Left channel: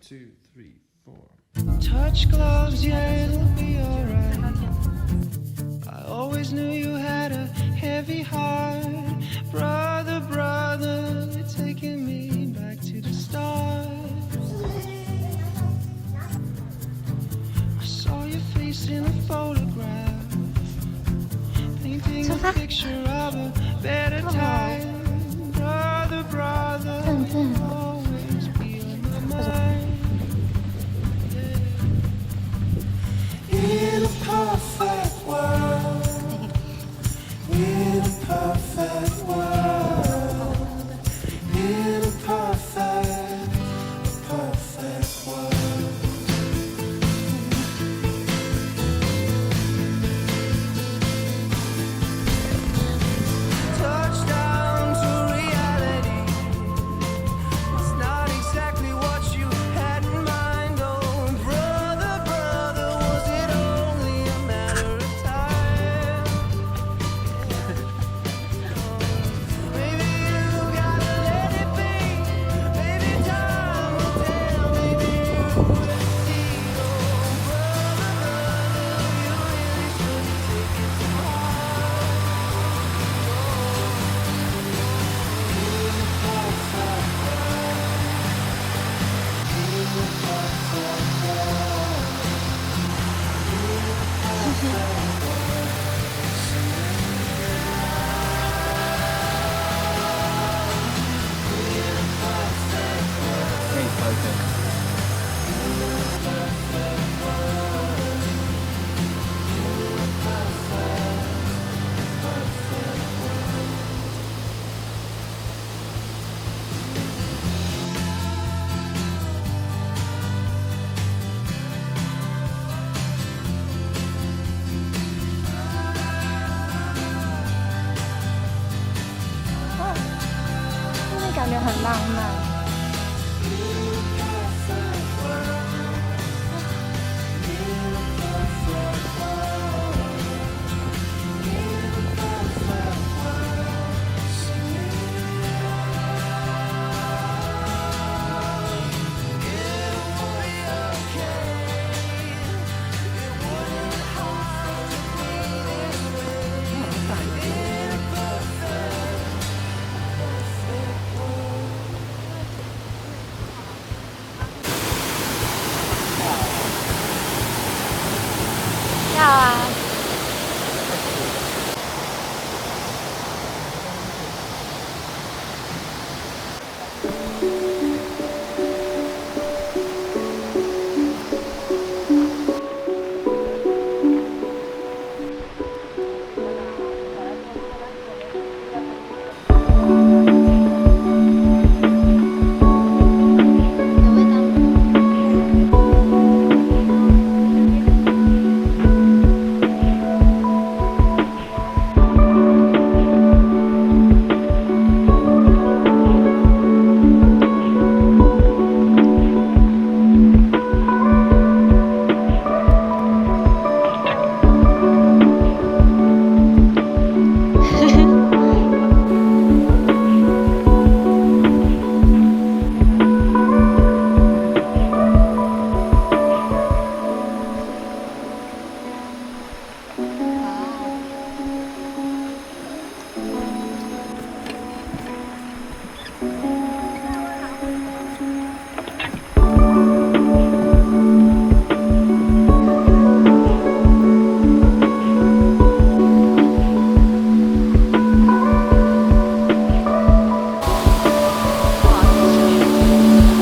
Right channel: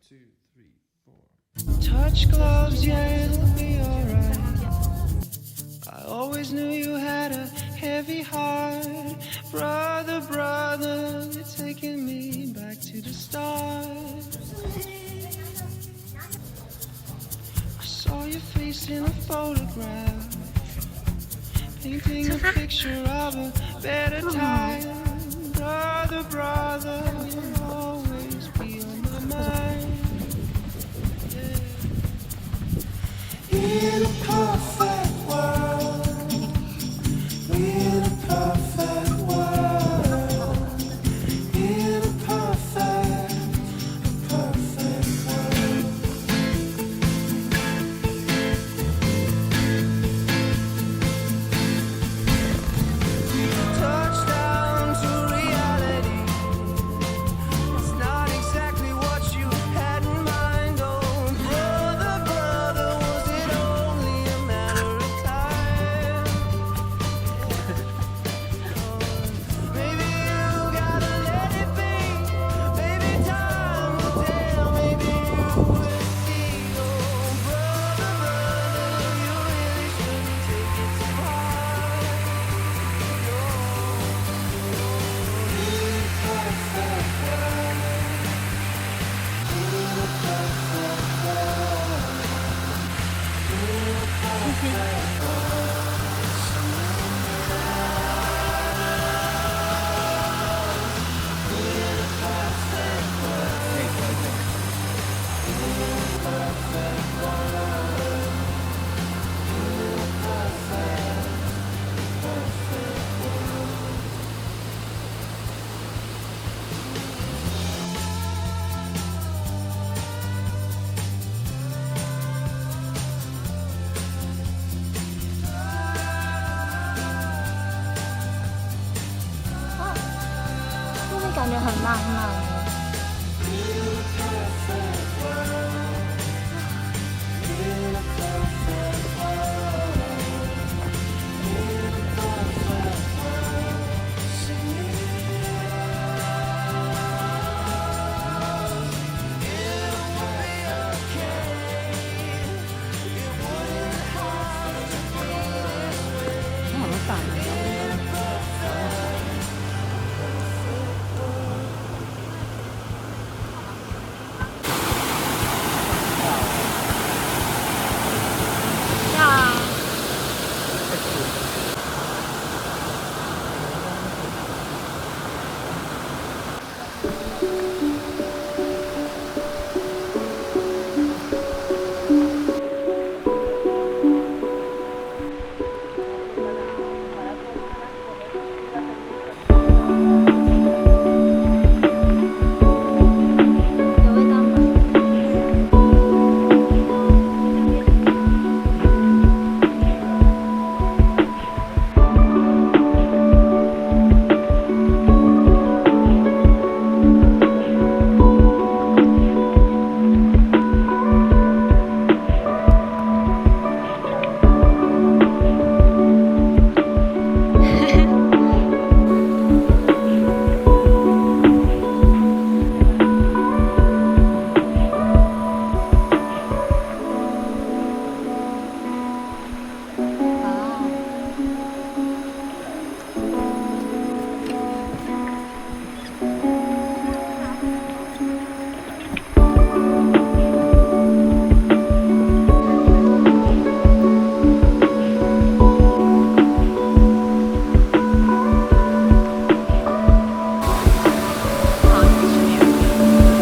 two, three, four. Touch gloves, yeah, it'll be alright. I always knew you had a heavy heart. Brother, brother, you're taking me back to the start. I saw your face in a photograph, painting a picture of a better time. Brother, brother, you'll always be on my mind. In a perfect world, in a perfect world, in a perfect world. Touchdown to reality. It's not exactly what you had in mind. Oh, brother, brother, was it only a matter of time? Maybe you gotta let it be. Maybe time will tell. Maybe you will see. Oh, brother, brother, you really shouldn't take it too hard.这感觉很浪漫。要啊。有味道吗？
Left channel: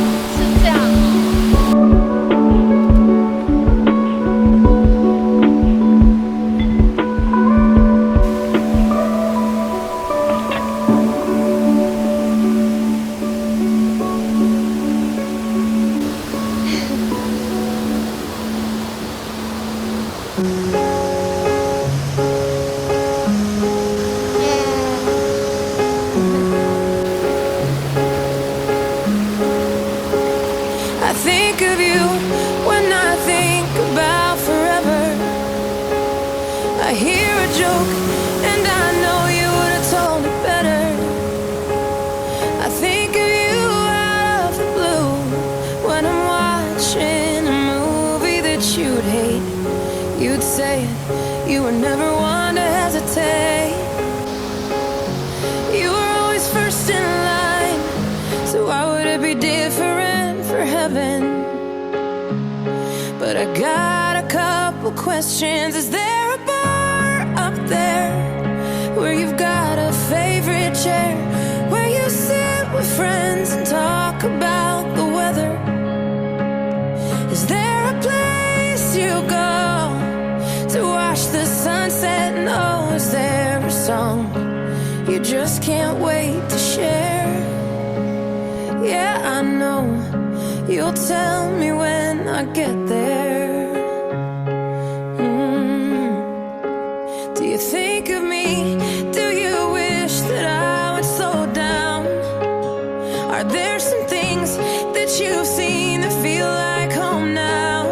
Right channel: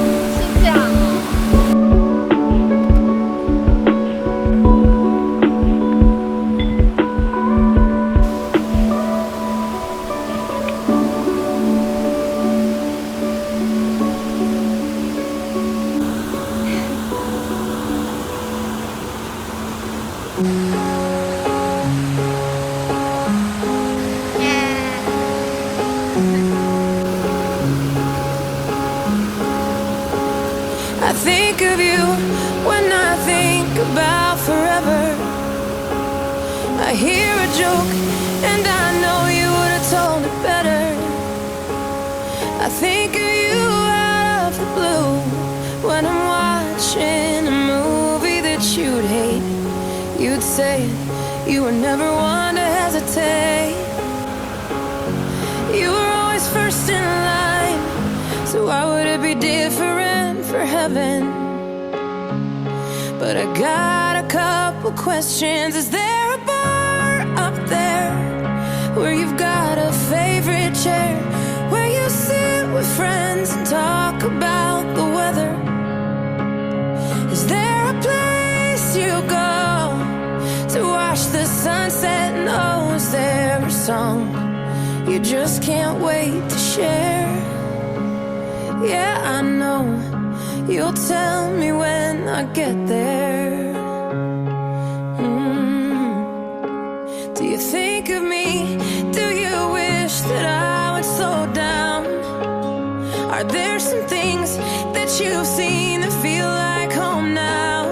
是这样哦。I think of you when I think about forever. I hear a joke and I know you would have told it better. I think of you out of the blue when I'm wild. watching a movie that you'd hate, you'd say it. You were never one to hesitate. You were always first in line, so why would it be different for heaven? But I got a couple questions. Is there a bar up there where you've got a favorite chair, where you sit with friends and talk about the weather? Is there a place you go to watch the sunset? And oh, is there a song you just can't wait to share? Yeah, I know you'll tell me when I get there. Do you think of me? Do you wish that I would slow down? Are there some things that you've seen that feel like home now?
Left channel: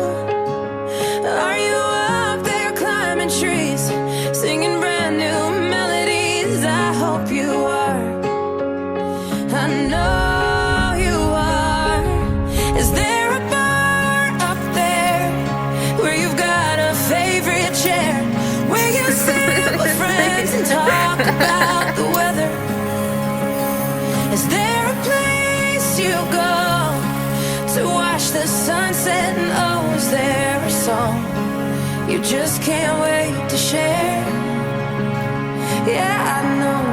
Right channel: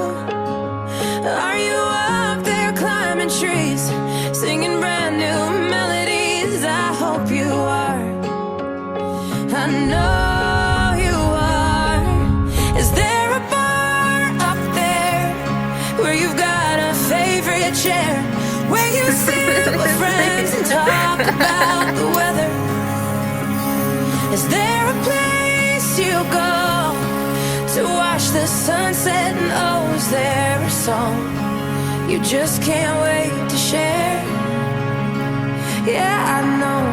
Are you up there climbing trees, singing brand new melodies? I hope you are. I know you are. Is there a bar up there where you've got a favorite chair, where you sit with friends and talk about the weather? Is there a place you go to watch the sunset? And oh, is there a song you just can't wait to share? Yeah, I know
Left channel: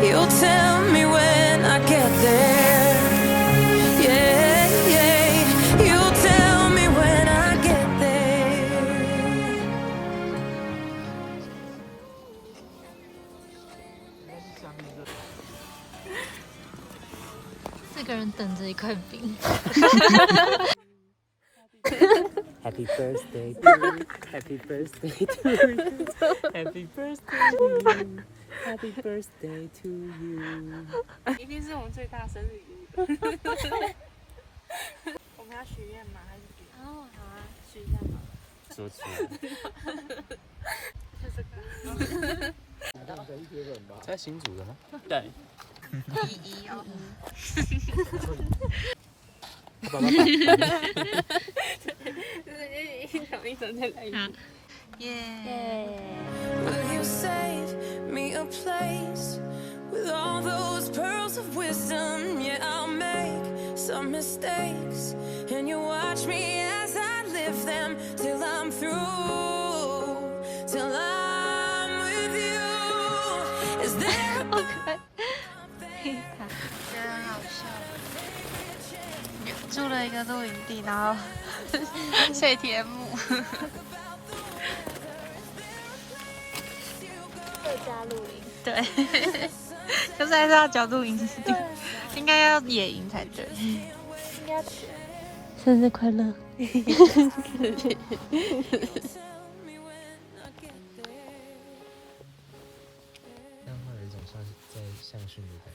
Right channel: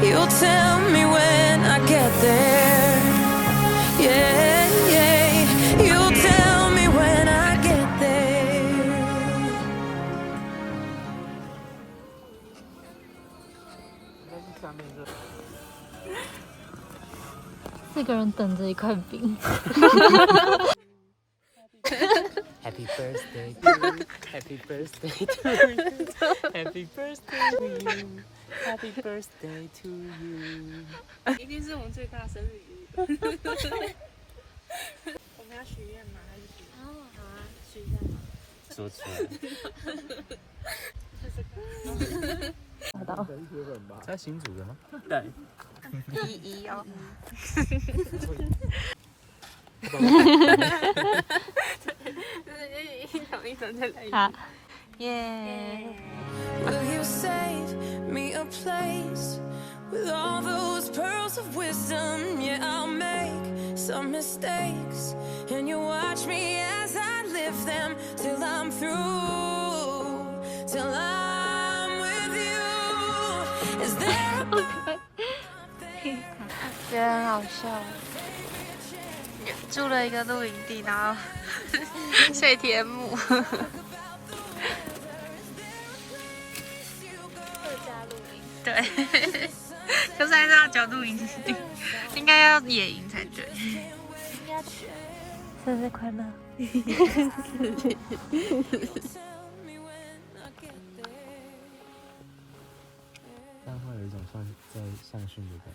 you'll tell me when I get there. Yeah, yeah, you'll tell me when I get there. 四个人等着一块饼。 Happy birthday to you. Happy birthday to you. Happy birthday to you. Happy birthday to you. 一定是我们最大生日礼物。我们要许愿吗？还是许？哦，好啊，许一下嘛。说出来。在新竹的吗？对。一哦。爸爸。一种再来一好，耶！ Will you save me a place with all those pearls of wisdom? Yeah, I'll make some mistakes, and you watch me as I live them till I'm through, till I'm with you. Is there a bar up there? 觉得很好笑。住了一个露营地，然后睡天幕。对，可是还是要缴露营地，应该要野营才对。生日快乐！ 但会有一种像在上训的感觉。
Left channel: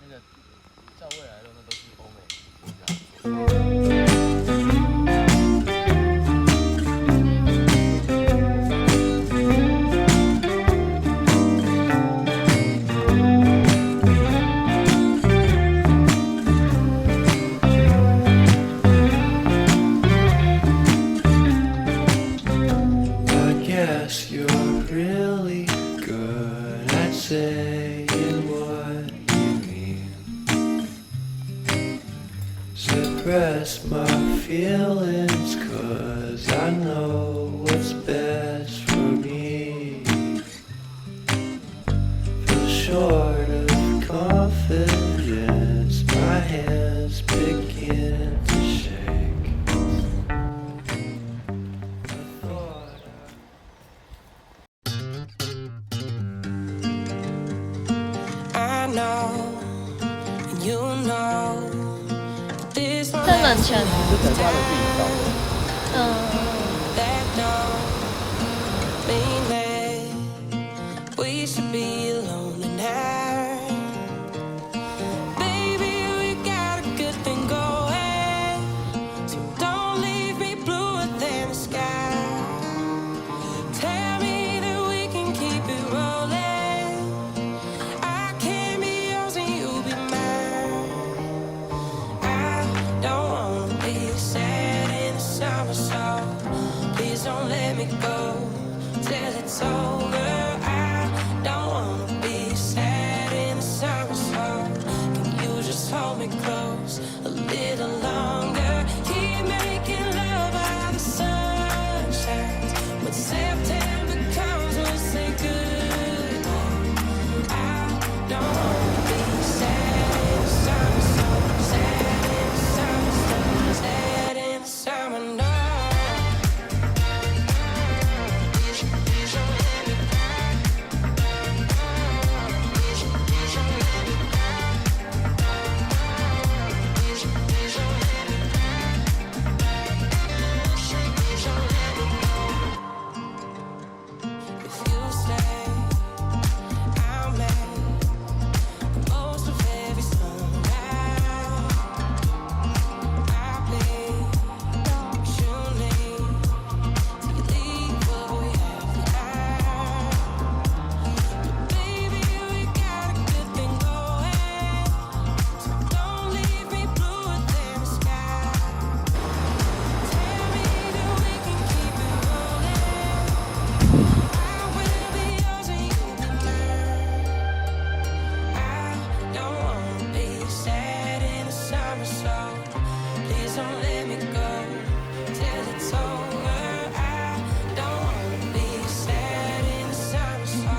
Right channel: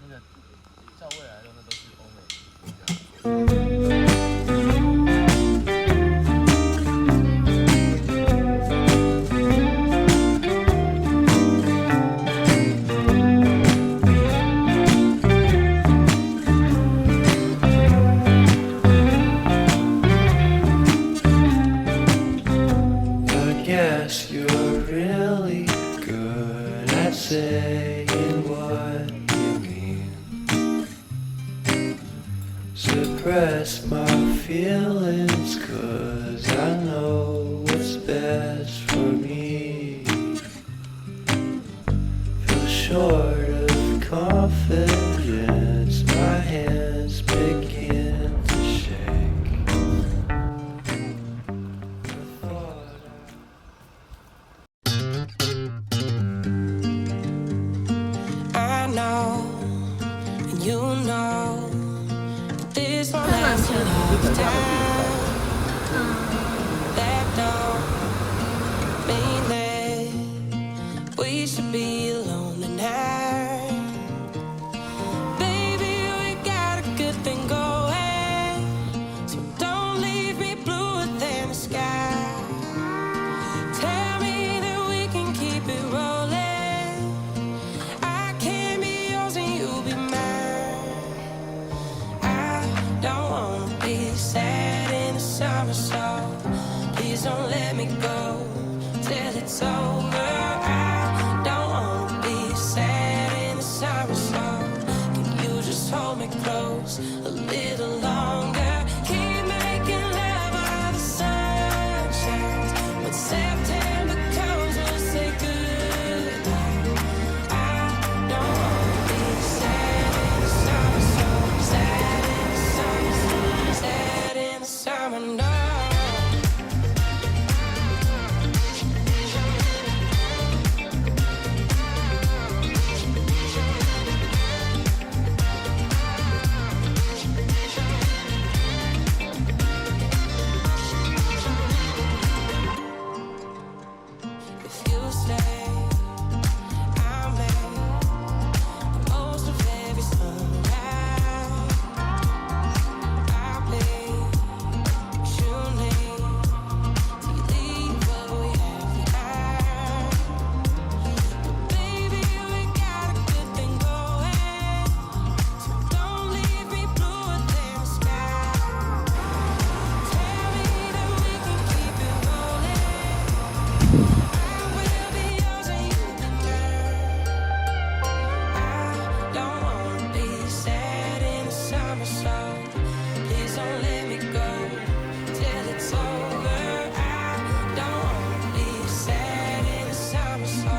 那个照未来的那都是欧美。 I guess you're really good at saying what you mean. Suppress my feelings, 'cause I know what's best for me. Feel short of confidence, my hands begin to shake. I thought I know, and you know, this won't 这蛮 last 全 a lifetime. 嗯， That don't mean that we should be alone tonight. Baby, we got a good thing going, so don't leave me bluer than the sky. Tell me that we can keep it rolling.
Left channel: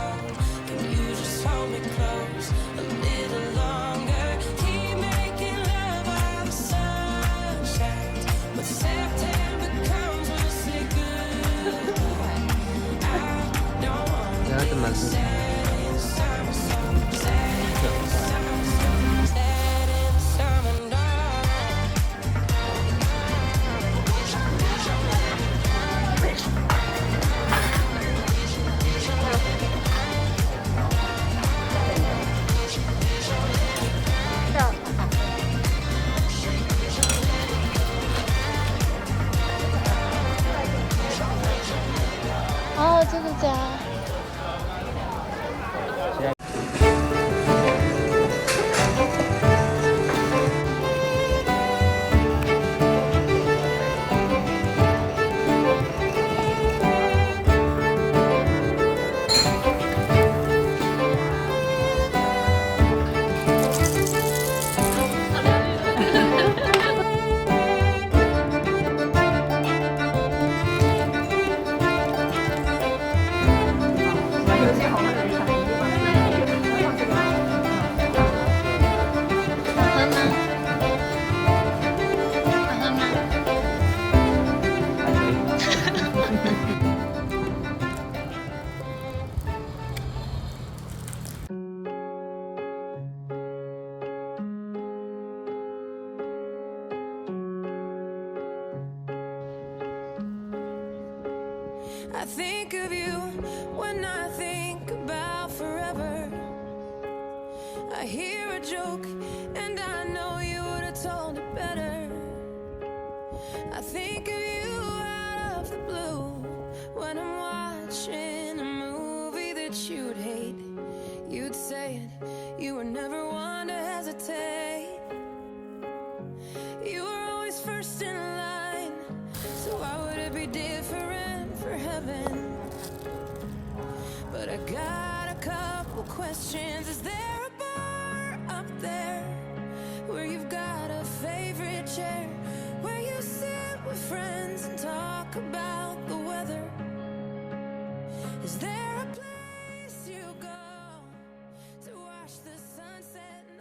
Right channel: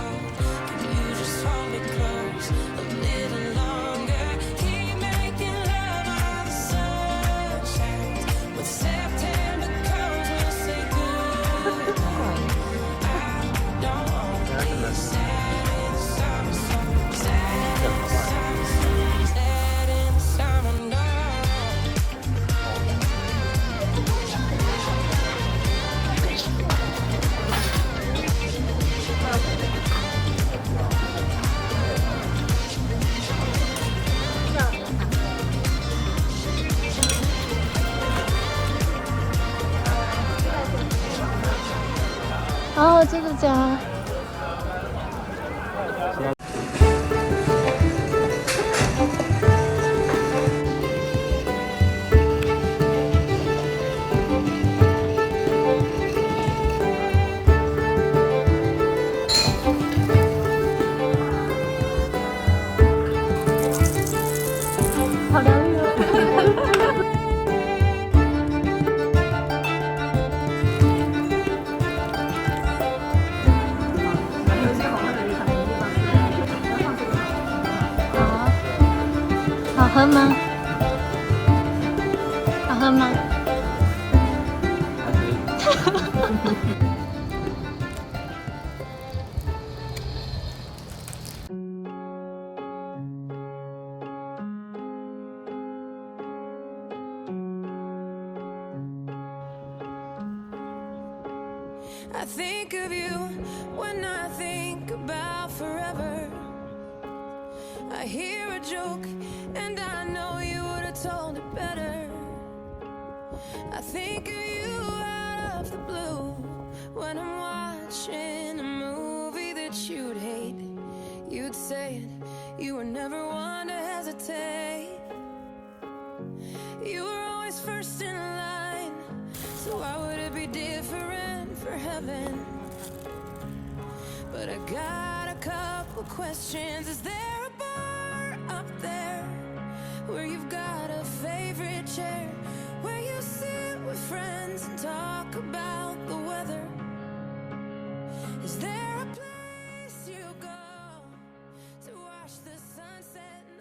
fall. Can you just hold me close a little longer? Keep making love while the sun shines. When September comes, we'll say goodbye. I don't wanna be sad in the summer, so sad in the summer, so sad in the summer, no.哦，就是这样。 好喝吗？好喝吗？ I think of you when I think about forever. I hear a joke and I know you would have told it better. I think of you out of the blue when I'm watching a movie that you'd hate. You'd say it, you were never one to hesitate. You were always first in line, so why would it be different for heaven? But I got a couple questions. Is there a bar up there where you've got a favorite chair, where you sit with friends and talk about the weather? Is there a place you go to watch the sunset and